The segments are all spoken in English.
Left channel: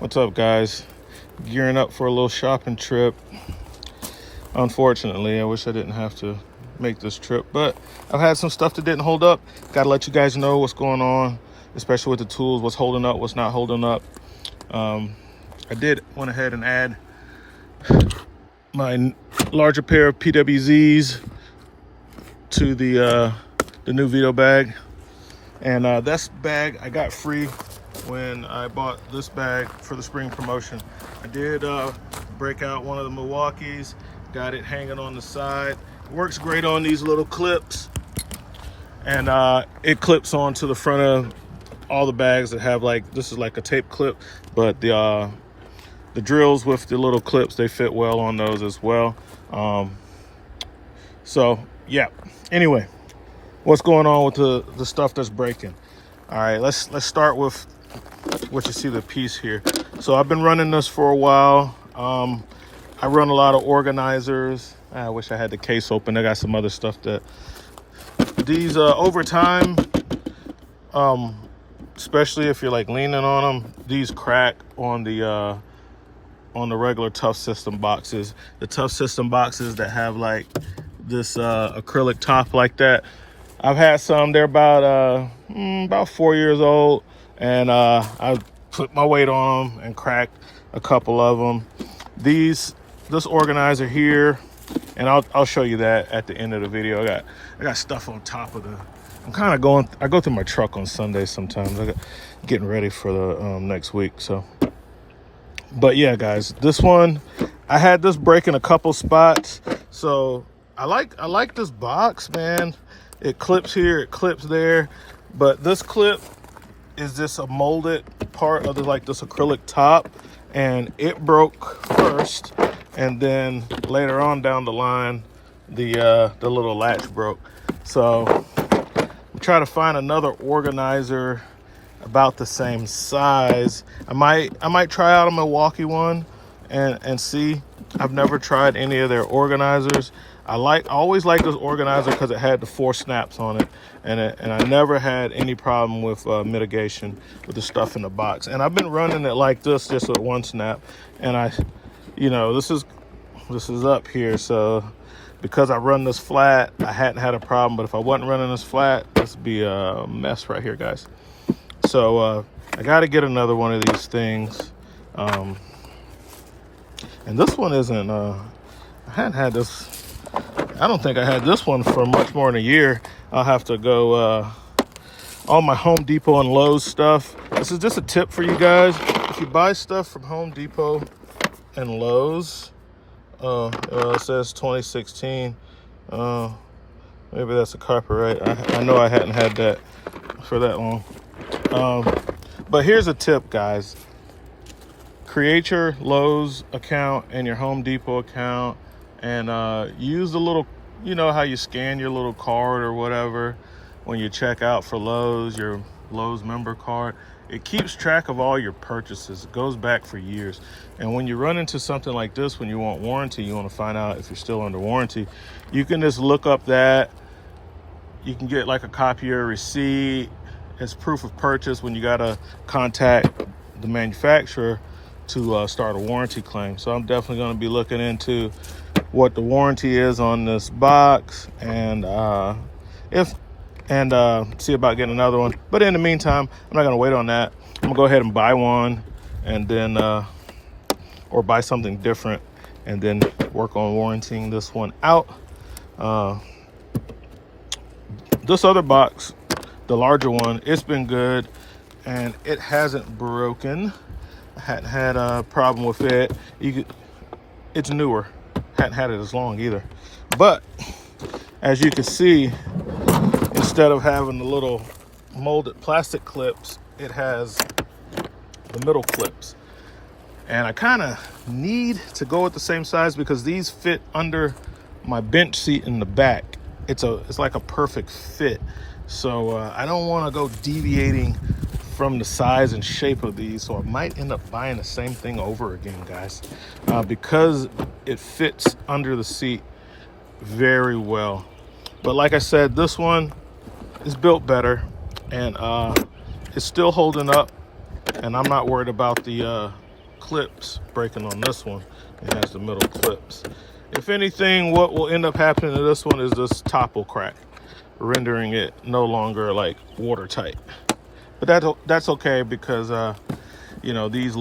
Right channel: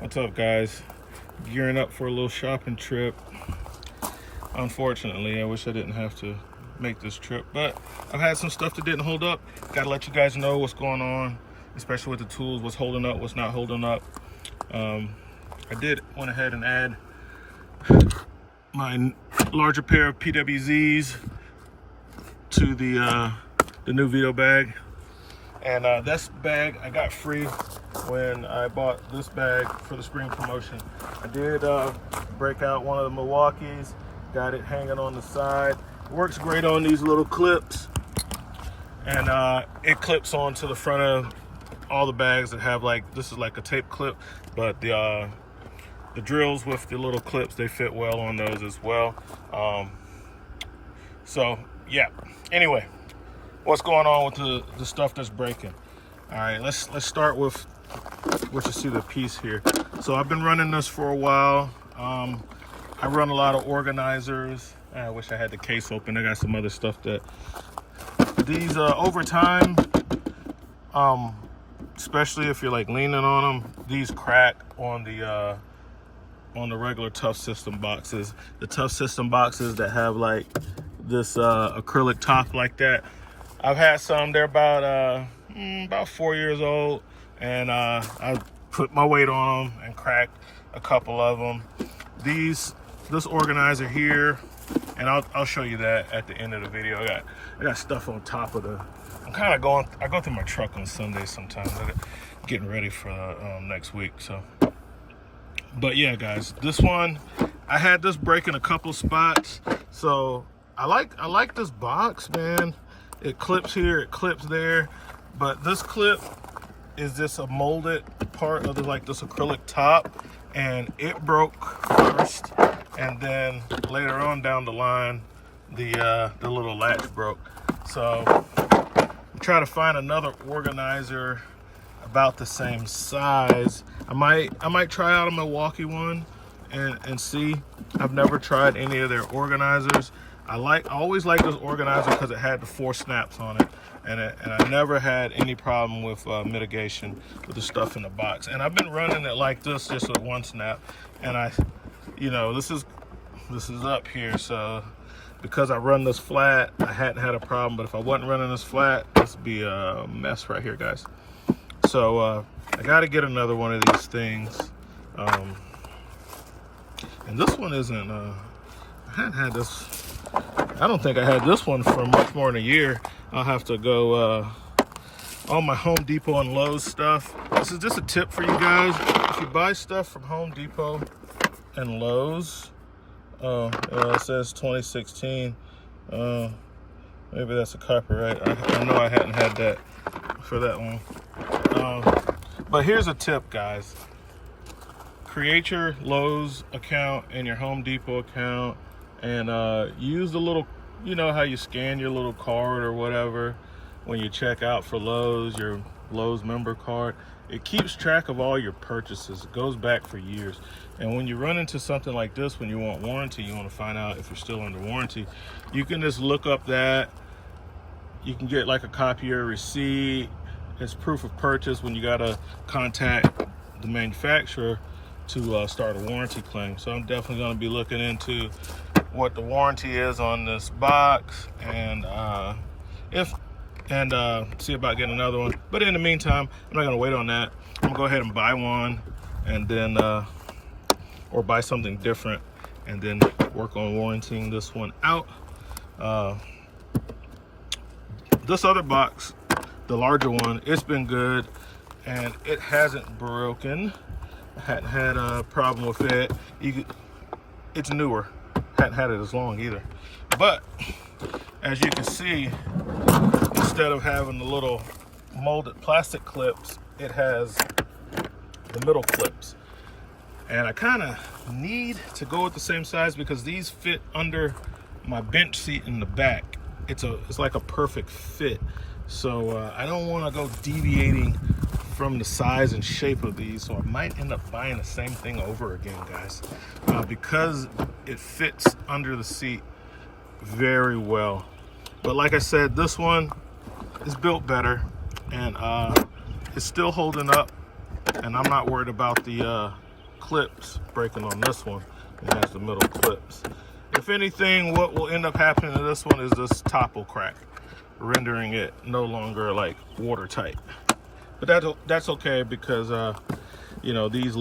What's up, guys? Gearing up for a little shopping trip. Unfortunately, I wish I didn't have to make this trip, but I've had some stuff that didn't hold up. Gotta let you guys know what's going on, especially with the tools, what's holding up, what's not holding up. I went ahead and add my larger pair of PWZs to the new Vito bag. And this bag I got free when I bought this bag for the spring promotion. I did break out one of the Milwaukee's, got it hanging on the side. It works great on these little clips, and it clips onto the front of all the bags that have, like, this is like a tape clip, but the drills with the little clips, they fit well on those as well. So yeah, anyway, what's going on with the stuff that's breaking? All right, let's start with what you see, the piece here. So I've been running this for a while. I run a lot of organizers. I wish I had the case open. I got some other stuff that these over time, especially if you're like leaning on them, these crack on the regular Tough System boxes. The Tough System boxes that have like this acrylic top like that. I've had some. They're about 4 years old, and I put my weight on them and cracked a couple of them. This organizer here, and I'll show you that at the end of the video. I got stuff on top of the. I'm kind of going. I go through my truck on Sundays sometimes. Getting ready for the next week. So, but yeah, guys, this one I had this break in a couple spots. So I like this box, man. It clips here, it clips there, but this clip is just a molded part of this acrylic top, and it broke first, and then later on down the line, the little latch broke. So I'm trying to find another organizer about the same size. I might try out a Milwaukee one and see. I've never tried any of their organizers. I always liked this organizer because it had the 4 snaps on it, and I never had any problem with mitigation with the stuff in the box. And I've been running it like this, just with 1 snap, and this is up here. So because I run this flat, I hadn't had a problem. But if I wasn't running this flat, this would be a mess right here, guys. So I got to get another one of these things. And this one isn't. I hadn't had this. I don't think I had this one for much more than a year. I'll have to go all my Home Depot and Lowe's stuff. This is just a tip for you guys. If you buy stuff from Home Depot and Lowe's, it says 2016. Maybe that's a copyright. I know I hadn't had that for that long. But here's a tip, guys. Create your Lowe's account and your Home Depot account, and use the little, you know how you scan your little card or whatever when you check out for Lowe's, your Lowe's member card. It keeps track of all your purchases. It goes back for years. And when you run into something like this, when you want warranty, you want to find out if you're still under warranty, you can just look up that. You can get like a copy of your receipt as proof of purchase when you got to contact the manufacturer to start a warranty claim. So I'm definitely going to be looking into what the warranty is on this box, and see about getting another one. But in the meantime, I'm not going to wait on that. I'm going to go ahead and buy one, and then or buy something different, and then work on warranting this one out. This other box, the larger one, it's been good, and it hasn't broken. I hadn't had a problem with it. It's newer. Hadn't had it as long either. But as you can see, instead of having the little molded plastic clips, it has the middle clips. And I kind of need to go with the same size because these fit under my bench seat in the back. It's like a perfect fit. So I don't want to go deviating from the size and shape of these, so I might end up buying the same thing over again, guys, because it fits under the seat very well. But like I said, this one is built better, and it's still holding up, and I'm not worried about the clips breaking on this one. It has the middle clips. If anything, what will end up happening to this one is this top will crack, rendering it no longer like watertight. But that's okay, because you know, these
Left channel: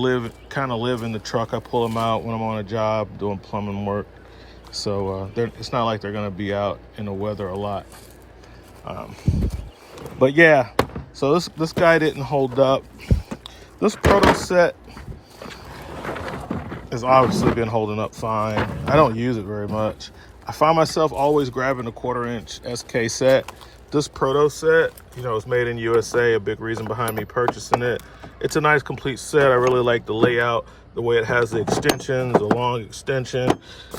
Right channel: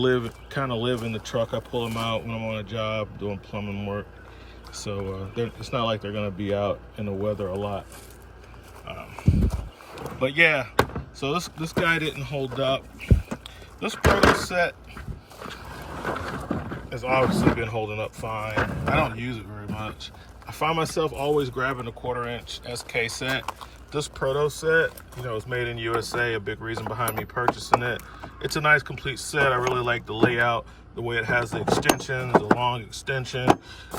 kind of live in the truck. I pull them out when I'm on a job doing plumbing work, so it's not like they're gonna be out in the weather a lot. But yeah, so this guy didn't hold up. This proto set has obviously been holding up fine. I don't use it very much. I find myself always grabbing a 1/4-inch SK set. This proto set, you know, it's made in USA, a big reason behind me purchasing it. It's a nice complete set. I really like the layout, the way it has the extensions, the long extension,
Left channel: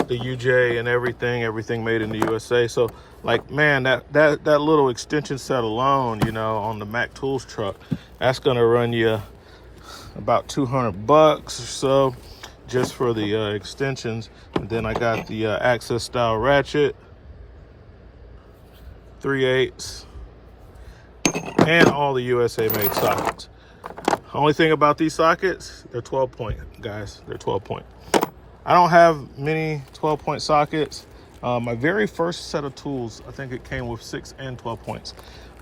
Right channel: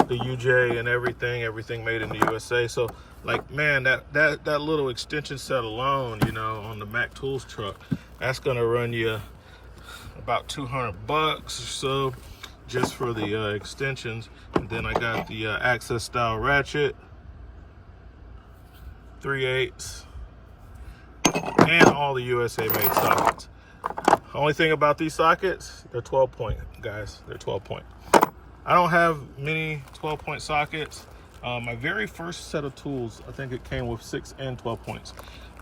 the UJ and everything made in the USA. So like, man, that little extension set alone, you know, on the Mac Tools truck, that's gonna run you about 200 bucks or so just for the extensions. And then I got the access style ratchet, 3/8, and all the USA made sockets. Only thing about these sockets, they're 12-point, guys. They're 12-point. I don't have many 12-point sockets. My very first set of tools, I think it came with 6 and 12 points.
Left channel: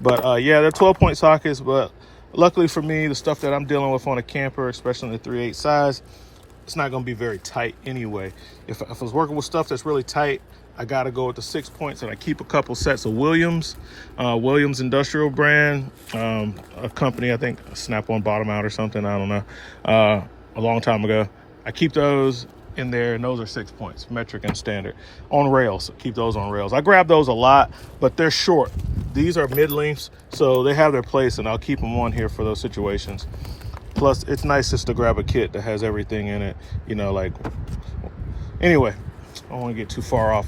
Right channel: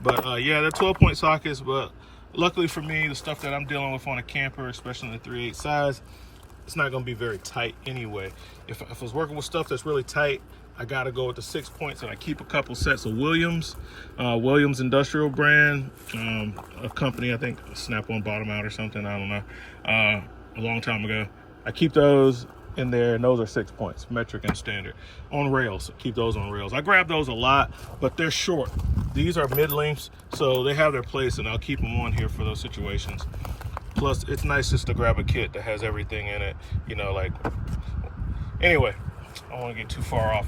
But yeah, they're 12-point sockets, but luckily for me, the stuff that I'm dealing with on a camper, especially in the 3/8 size, it's not gonna be very tight anyway. If I was working with stuff that's really tight, I gotta go with the 6 points, and I keep a couple sets of Williams Industrial brand, a company, I think Snap-on bought them out or something, I don't know, a long time ago. I keep those in there, and those are 6 points, metric and standard, on rails. Keep those on rails. I grab those a lot, but they're short. These are mid-lengths, so they have their place, and I'll keep them on here for those situations. Plus, it's nice just to grab a kit that has everything in it, you know, like, anyway, I don't want to get too far off.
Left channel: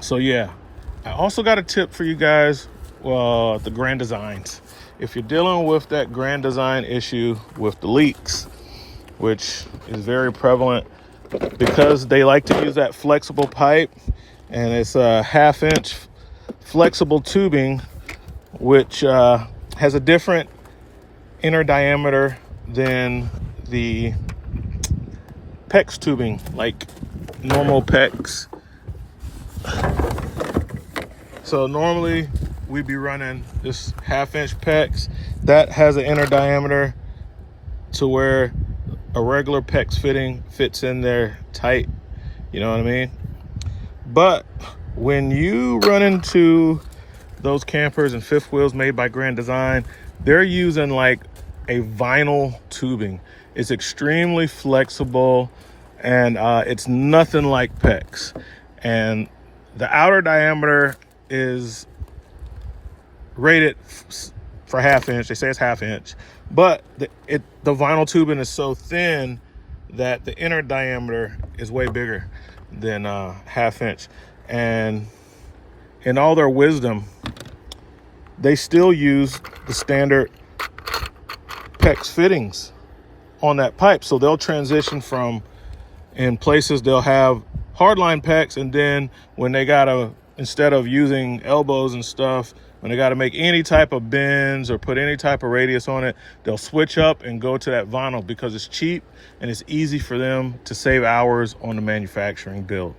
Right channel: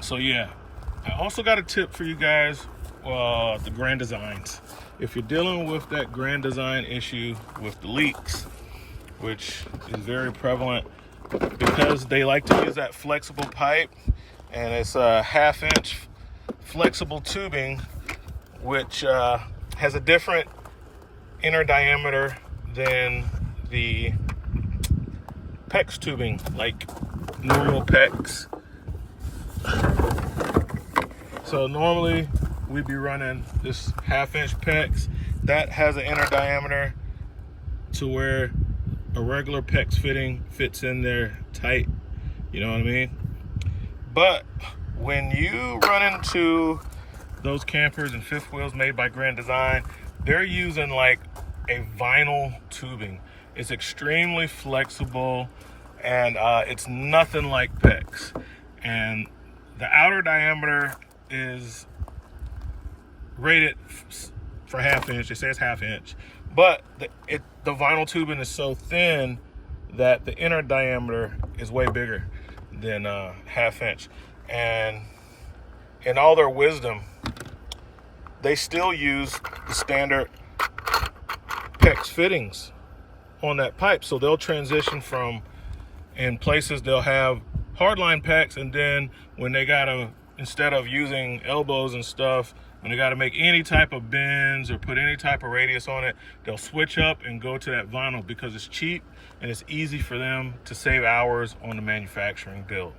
So yeah, I also got a tip for you guys, the Grand Designs. If you're dealing with that Grand Design issue with the leaks, which is very prevalent because they like to use that flexible pipe, and it's a 1/2-inch flexible tubing, which has a different inner diameter than the PEX tubing, like normal PEX. So normally we'd be running this 1/2-inch PEX that has an inner diameter to where a regular PEX fitting fits in there tight, you know what I mean? But when you run into those campers and fifth wheels made by Grand Design, they're using like a vinyl tubing. It's extremely flexible, and it's nothing like PEX. And the outer diameter is rated for 1/2-inch. They say it's 1/2-inch, but the vinyl tubing is so thin that the inner diameter is way bigger than 1/2-inch. And in all their wisdom, they still use the standard PEX fittings on that pipe. So they'll transition from, in places they'll have hardline PEX, and then when they gotta, instead of using elbows and stuff, when they gotta make any type of bends or put any type of radius on it, they'll switch up and go to that vinyl because it's cheap and it's easy for them to save hours on the manufacturing build.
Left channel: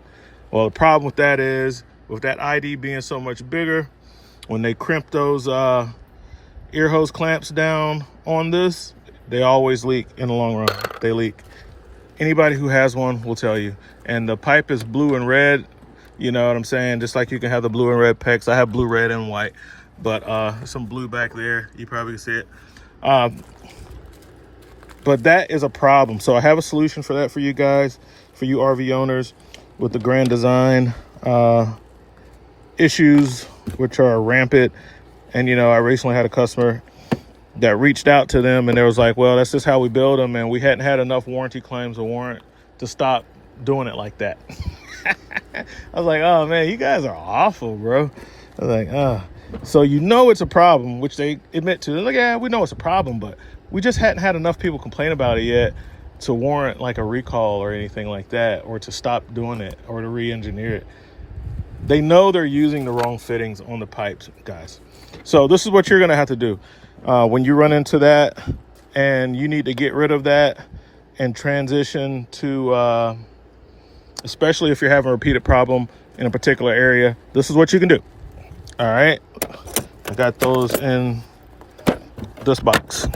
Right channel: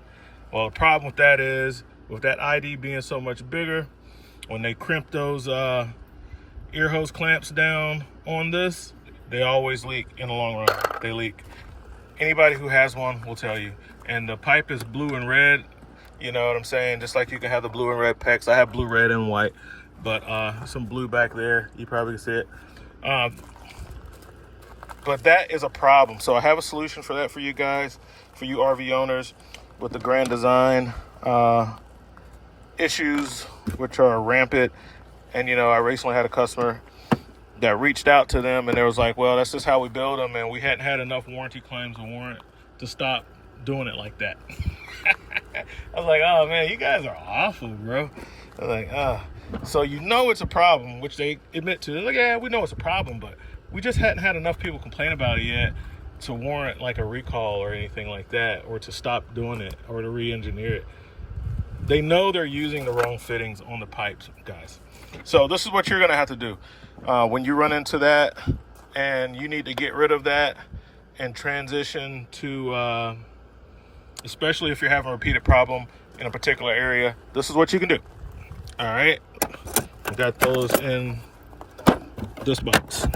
Well, the problem with that is, with that ID being so much bigger, when they crimp those ear hose clamps down on this, they always leak in the long run. They leak. Anybody who has one will tell you. And the pipe is blue and red, you know what I'm saying? Just like you can have the blue and red PEX. I have blue, red, and white, but some blue back there. You probably can see it. But that is a problem. So I have a solution for that for you guys, for you RV owners with the Grand Design issues, which are rampant. And you know, I recently had a customer that reached out to them, and they was like, well, that's just how we build them, and we hadn't had enough warranty claims or warrant to stop doing it like that. I was like, oh man, you guys are awful, bro. I was like, oh. So you know it's a problem, which they admit to. They're like, yeah, we know it's a problem, but we just hadn't had enough people complain about it yet to warrant like a recall or anything like that, or to stop doing it or to re-engineer it. They know they're using the wrong fittings on the pipes, guys. So this is what you're gonna have to do when you run into that and you need to get rid of that and transition to, especially if you're having a repeated problem in a particular area, this is what you can do. All right, I got those in this box.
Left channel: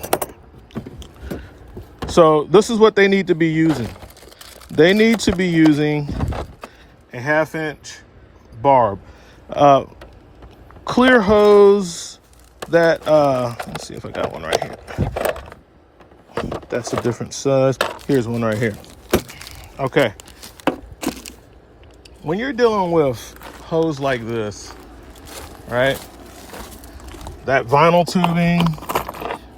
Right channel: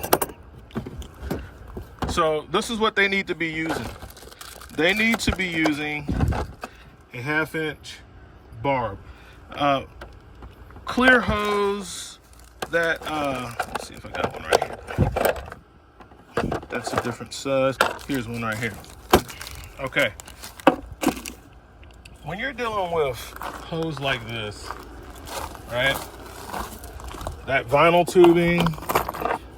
So this is what they need to be using. They need to be using a 1/2-inch barb. Clear hose that, let's see if I got one right here. That's a different size. Here's one right here. Okay. When you're dealing with hose like this, right? That vinyl tubing,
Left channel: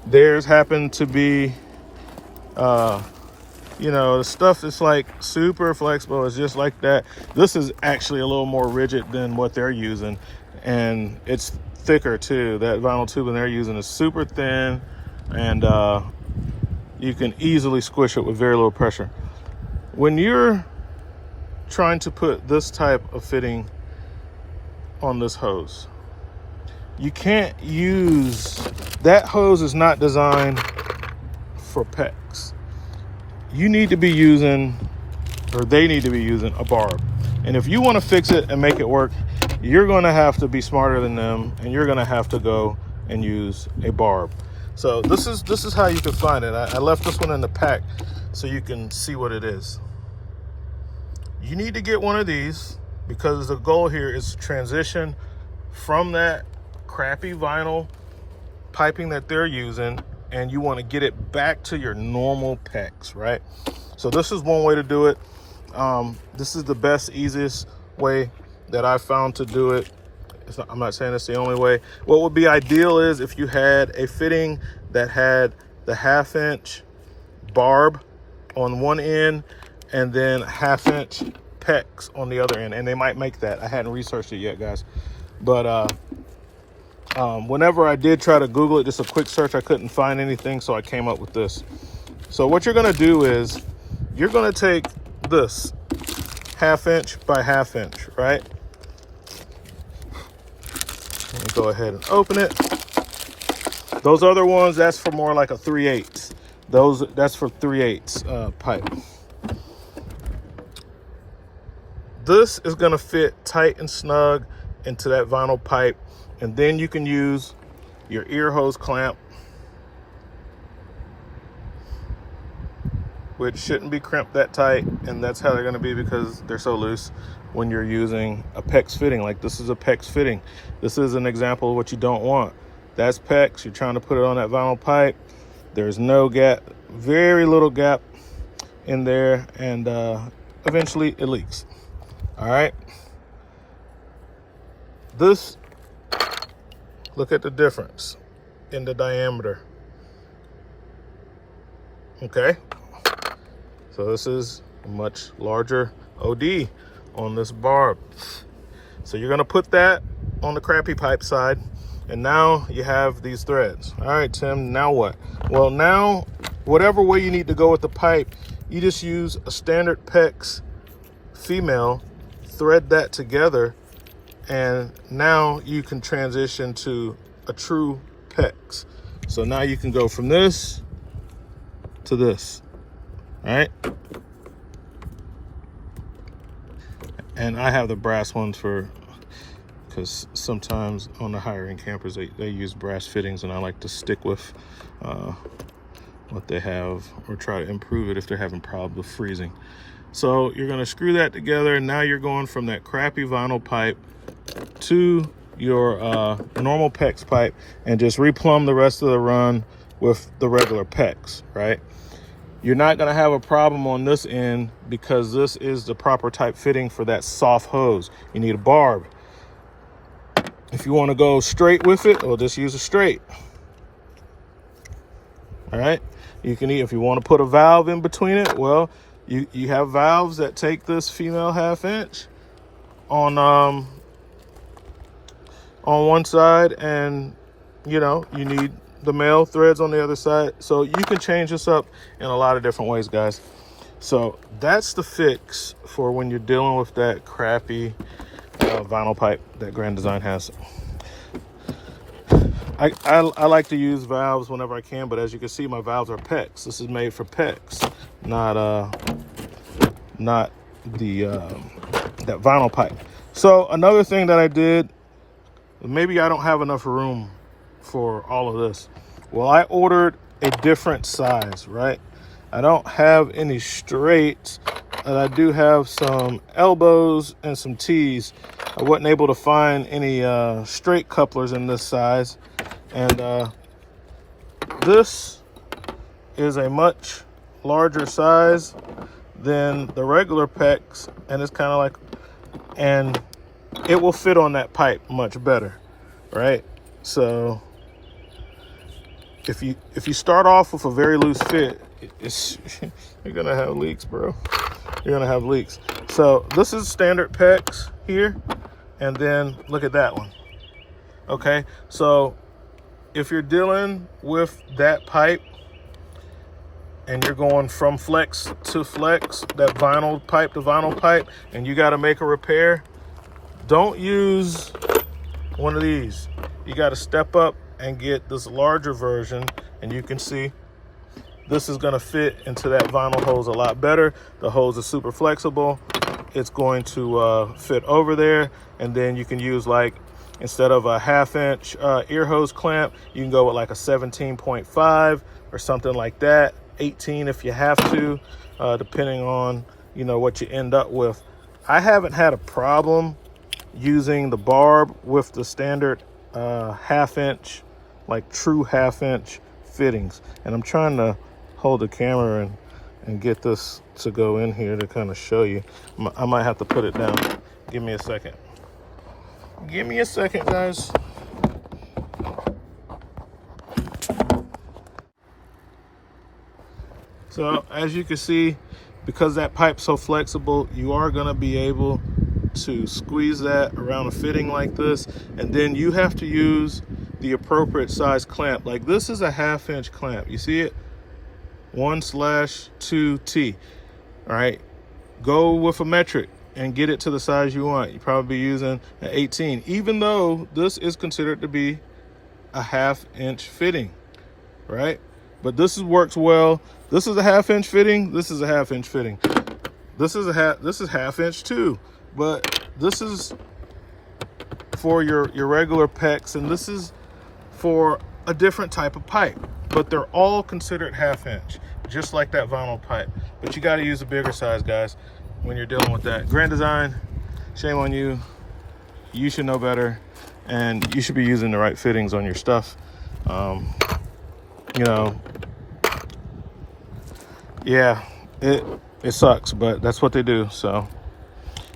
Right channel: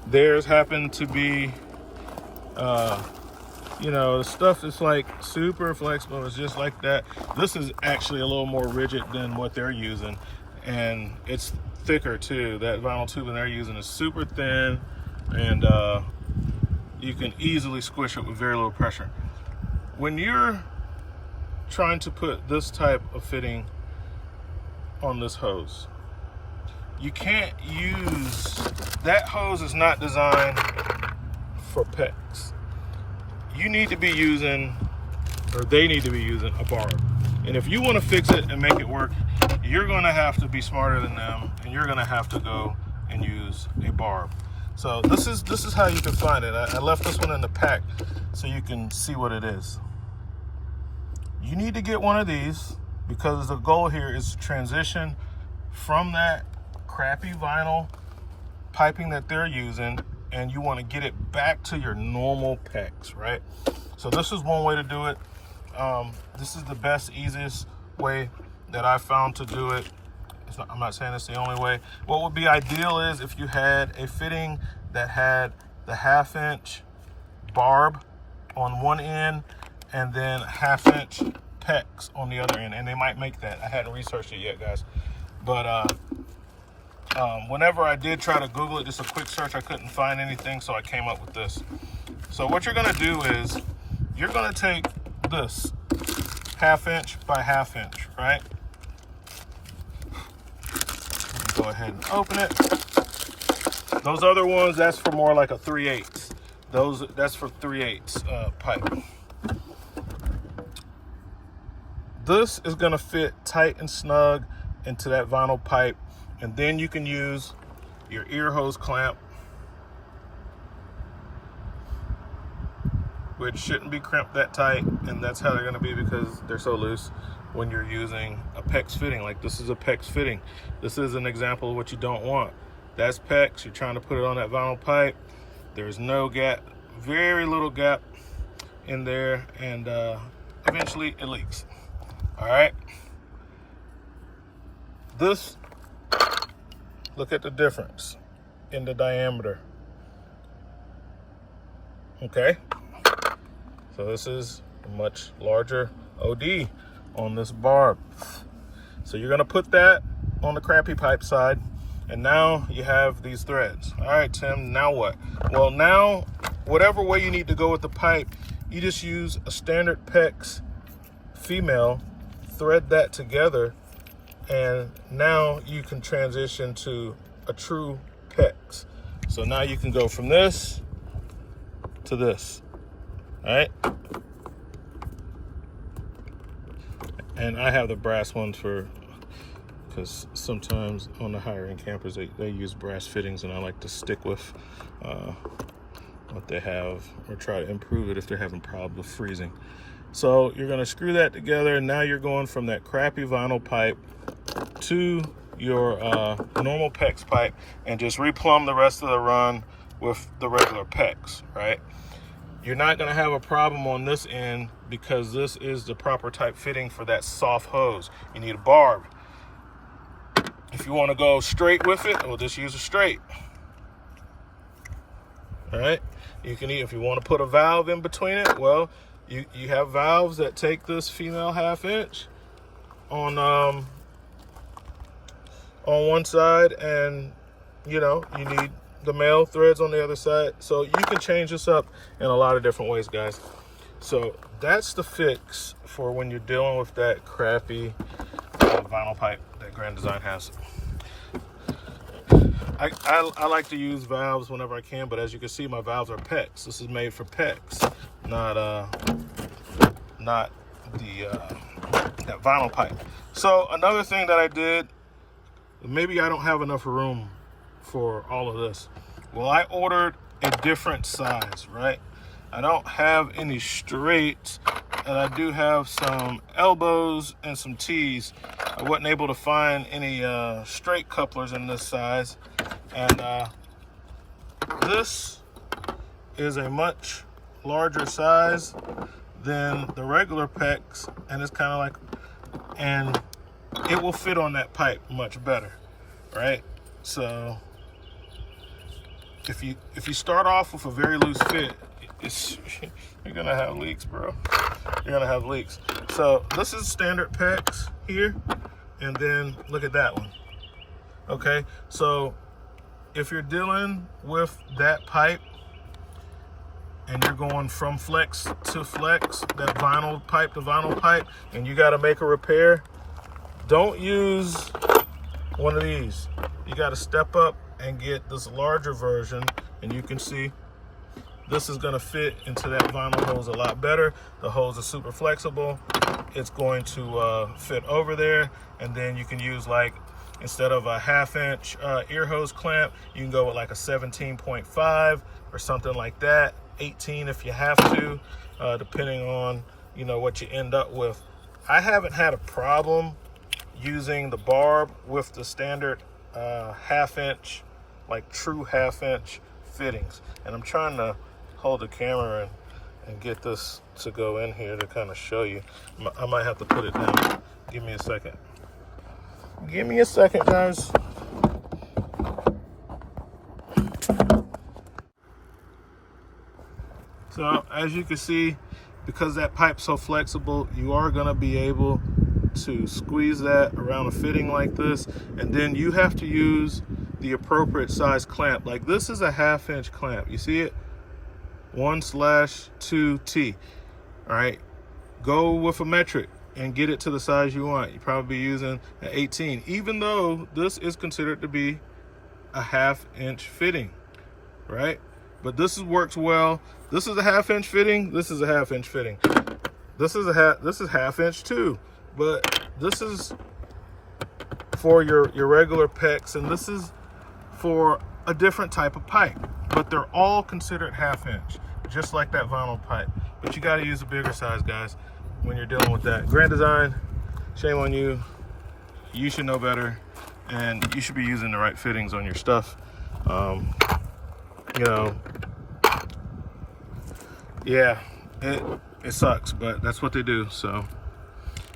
theirs happen to be, you know, the stuff is like super flexible. It's just like that. This is actually a little more rigid than what they're using, and it's thicker too. That vinyl tubing they're using is super thin, and you can easily squish it with very little pressure. When you're trying to put this type of fitting on this hose, you can't use, that hose is not designed for pecks. You need to be using, or they need to be using, a barb. And if you want to fix it and make it work, you're going to have to be smarter than them, and you're going to have to go and use a barb. So this is how you can find it. I left this one in the pack so you can see what it is. You need to get one of these because the goal here is to transition from that crappy vinyl piping that they're using, and you want to get it back to your normal pecks, right? So this is one way to do it. This is the best, easiest way that I found to do it. I'm not saying it's the only way. What would be ideal is if you had a fitting that had the 1/2-inch barb on one end and then 1/2-inch pecks on the other end, and they might make that. I hadn't researched it yet, guys, but whenever I did try to Google it, just a quick search, I couldn't find anything, so I came up with this. So what you're gonna do is you're gonna take this 1/2-inch by 1/2-inch, right? Let me go ahead and open it. Those other ones, that's for more like a 3/8. That's for 3/8 pipe. This is gonna fit tight and snug into that vinyl pipe, and then you can use your ear hose clamp, which shouldn't be crimped that tight, and that's how they're gonna be because they're so loose when you're using a PEX fitting. Like this is a PEX fitting. This is an example of what you don't want. That's PEX, you're trying to put it on that vinyl pipe. There's no gap, very little gap in there, and eventually it leaks. All right. This, look at the difference in the diameter. Okay. So this is a much larger OD on this barb. So you're gonna put that on the crappy pipe side, and now you have these threads. All right, Tim, now what? Well, now, whatever way you need to go with the pipe, you just use a standard PEX female, thread that together, and now you can transition to a true PEX. So now you can go from this to this, right? And I have the brass ones because sometimes on the higher end campers, they use brass fittings, and I like to stick with what they have or try to improve it if they're having problems with freezing. So you're gonna screw that together, and now you're going from that crappy vinyl pipe to your normal PEX pipe, and just replumb the rest of the run with the regular PEX, right? You're not gonna have a problem on this end because this is the proper type fitting for that soft hose. You need a barb. If you wanna go straight with it, or just use a straight. All right, you can, if you wanna put a valve in between it, well, you have valves that take this female 1/2-inch on on one side, and you know, you need the male threads on the other side. So you can change this up in a lot of different ways, guys. So that's the fix for when you're dealing with that crappy vinyl pipe that Grand Design has. I like to use valves whenever I can, but as you can see, my valves are pecks. This is made for pecks, not the that vinyl pipe. So another thing that I did, maybe I don't have enough room for all of this. Well, I ordered a different size, right? I don't have any straights, and I do have some elbows and some T's. I wasn't able to find any straight couplers in this size, and this is a much larger size than the regular pecks, and it's kind of like, and it will fit on that pipe much better, right? So if you start off with a very loose fit, you're gonna have leaks, bro. You're gonna have leaks. So this is standard pecks here, and then look at that one. Okay, so if you're dealing with that pipe and you're going from flex to flex, that vinyl pipe to vinyl pipe, and you got to make a repair, don't use one of these. You got to step up and get this larger version, and you can see this is going to fit into that vinyl hose a lot better. The hose is super flexible. It's going to fit over there, and then you can use, like, instead of a 1/2 inch ear hose clamp, you can go with like a 17.5 or something like that, 18 if you have to, depending on, you know, what you end up with. I haven't had a problem using the barb with the standard 1/2 inch, like true 1/2 inch fittings. And I'm trying to hold the camera and get this to go in here to kind of show you. I might have to put it down. Give me a second. Give me a second, guys. So as you can see, because that pipe's so flexible, you are going to be able to squeeze that around a fitting like this, and then you have to use the appropriate size clamp. Like this is a 1/2 inch clamp. You see it? 1/2T. All right, go with a metric and get it to the size you want. You probably be using an 18, even though this is considered to be a 1/2 inch fitting, right? But this works well. This is a 1/2 inch fitting. This is a 1/2 inch fitting. This is 1/2 inch too, but this is for your regular pecks, and this is for a different type of pipe. But they're all considered 1/2 inch, just like that vinyl pipe. But you got to use a bigger size, guys, when you're dealing with that. Grand Design, shame on you. You should know better, and you should be using the right fittings on your stuff. You know, yeah, it sucks, but that's what they do. So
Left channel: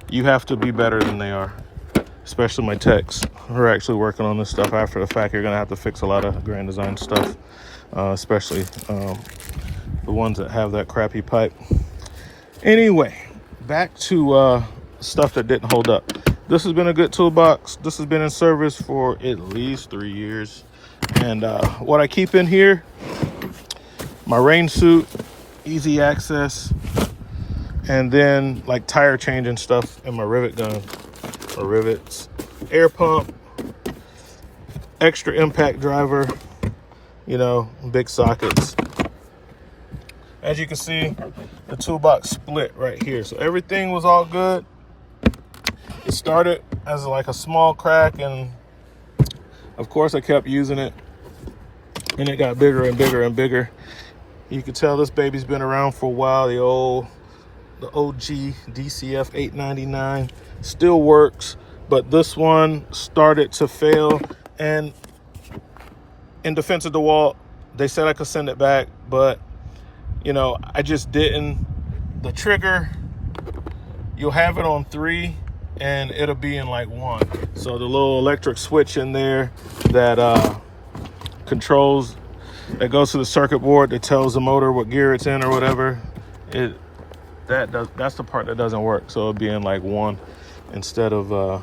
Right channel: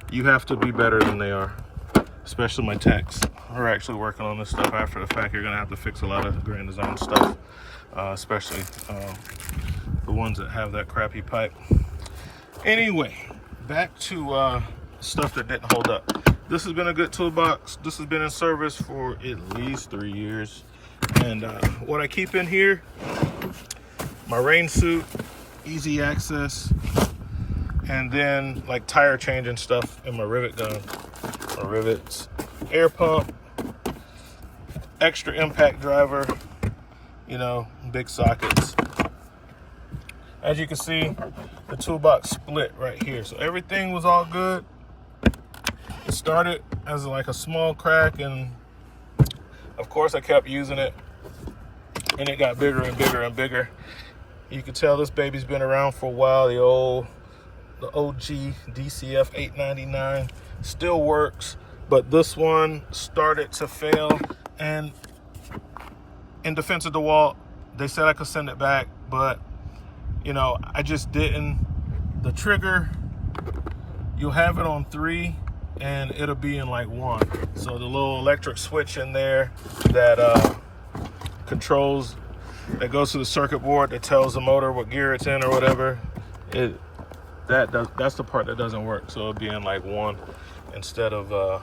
you have to be better than they are, especially my techs who are actually working on this stuff after the fact. You're gonna have to fix a lot of Grand Design stuff, especially the ones that have that crappy pipe. Anyway, back to stuff that didn't hold up. This has been a good toolbox. This has been in service for at least 3 years. And what I keep in here, my rain suit, easy access, and then like tire changing stuff in my rivet gun or rivets, air pump, extra impact driver, you know, big sockets. As you can see, the toolbox split right here. So everything was all good. It started as like a small crack, and of course I kept using it, and it got bigger and bigger and bigger. You can tell this baby's been around for a while. The OG DCF 899 still works, but this one started to fail. And in defense of DeWalt, they said I could send it back, but you know, I just didn't. The trigger, you'll have it on 3 and it'll be in like 1. So the little electric switch in there that controls, that goes to the circuit board, that tells the motor what gear it's in or whatever, that's the part that doesn't work. So it'll be in like 1 instead of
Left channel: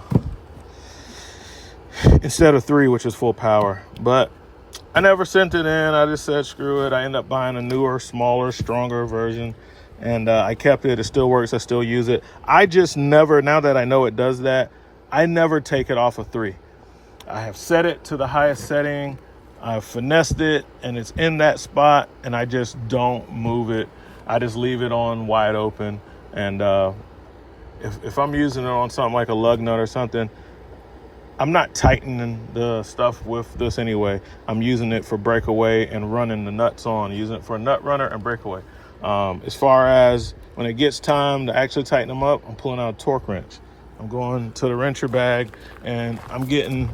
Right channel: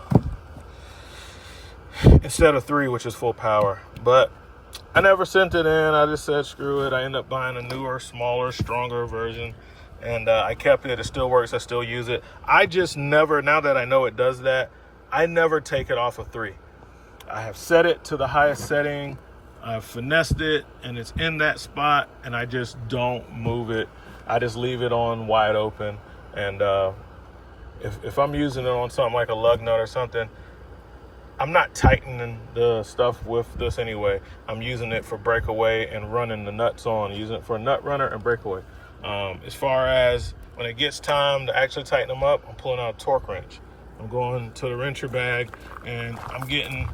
instead of 3, which is full power. But I never sent it in. I just said screw it. I ended up buying a newer, smaller, stronger version, and I kept it. It still works. I still use it. I just never, now that I know it does that, I never take it off of 3. I have set it to the highest setting. I've finessed it, and it's in that spot, and I just don't move it. I just leave it on wide open. And if I'm using it on something like a lug nut or something, I'm not tightening the stuff with this anyway. I'm using it for breakaway and running the nuts on, using it for a nut runner and breakaway. As far as when it gets time to actually tighten them up, I'm pulling out a torque wrench. I'm going to the wrencher bag, and I'm getting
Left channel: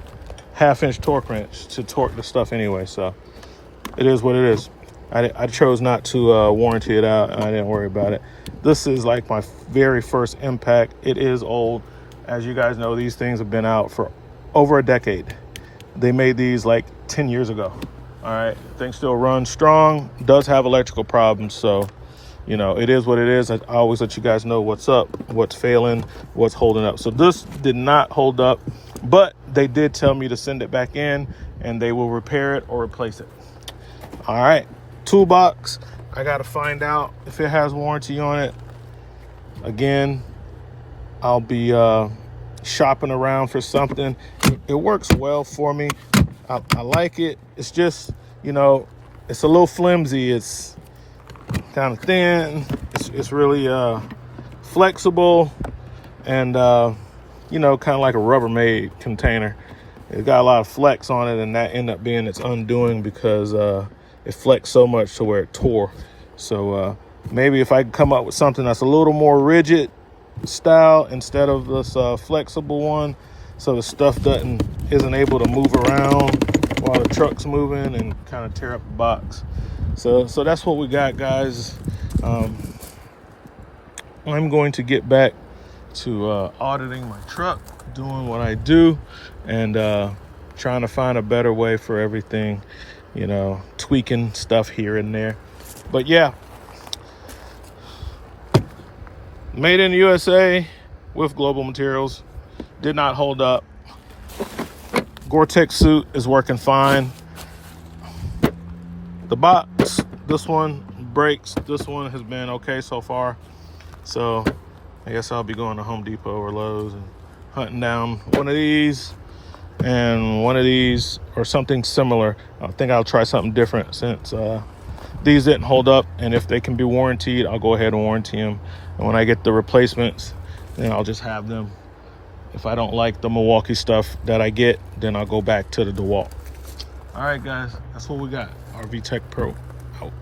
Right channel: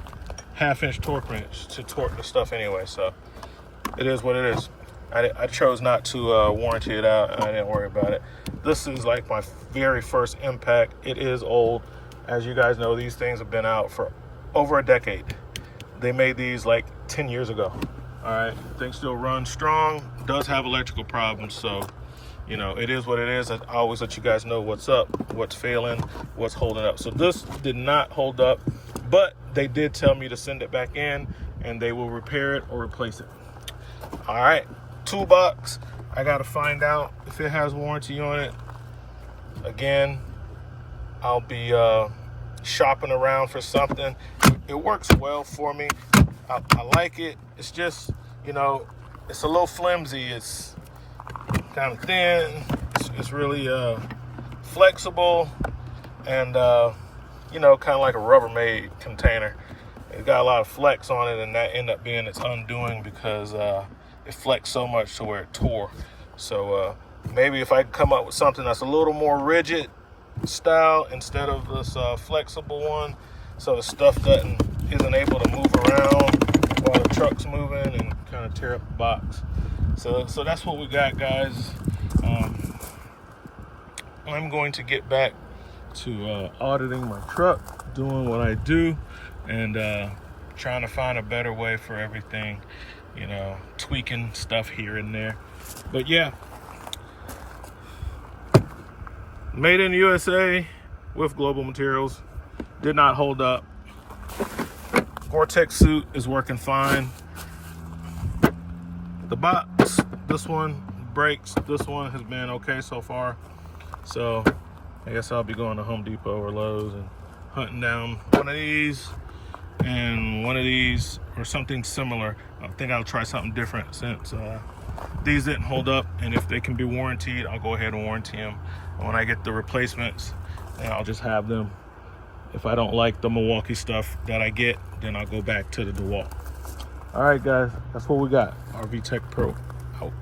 1/2-inch torque wrench to torque the stuff anyway. So it is what it is. I chose not to warranty it out, and I didn't worry about it. This is like my very first impact. It is old. As you guys know, these things have been out for over a decade. They made these like 10 years ago. All right, things still run strong. Does have electrical problems, so you know, it is what it is. I always let you guys know what's up, what's failing, what's holding up. So this did not hold up, but they did tell me to send it back in, and they will repair it or replace it. All right, toolbox. I got to find out if it has warranty on it. Again, I'll be shopping around for something. It works well for me. I like it. It's just, you know, it's a little flimsy. It's kind of thin. It's really flexible, and you know, kind of like a Rubbermaid container. It got a lot of flex on it, and that ended up being its undoing because it flexed so much to where it tore. So maybe if I could come up with something that's a little more rigid style instead of this flexible one, so the stuff isn't able to move around while the truck's moving and kind of tear up the box. So that's what we got, guys. I'm going to get back to auditing my truck, doing what I do, and trying to find a better way for everything, you know, tweaking stuff here and there. But yeah, made in the USA with global materials. Did not hold up. Gore-Tex suit is working fine. The box, this one breaks. This one has been okay so far. So I guess I'll be going to Home Depot or Lowe's and hunting down one of these and one of these or something similar. I think I'll try something different since these didn't hold up, and if they can be warranted, I'll go ahead and warranty them. And when I get the replacements, then I'll just have them. If I don't like the Milwaukee stuff that I get, then I'll go back to the DeWalt. All right, guys, that's what we got. RV Tech Pro out.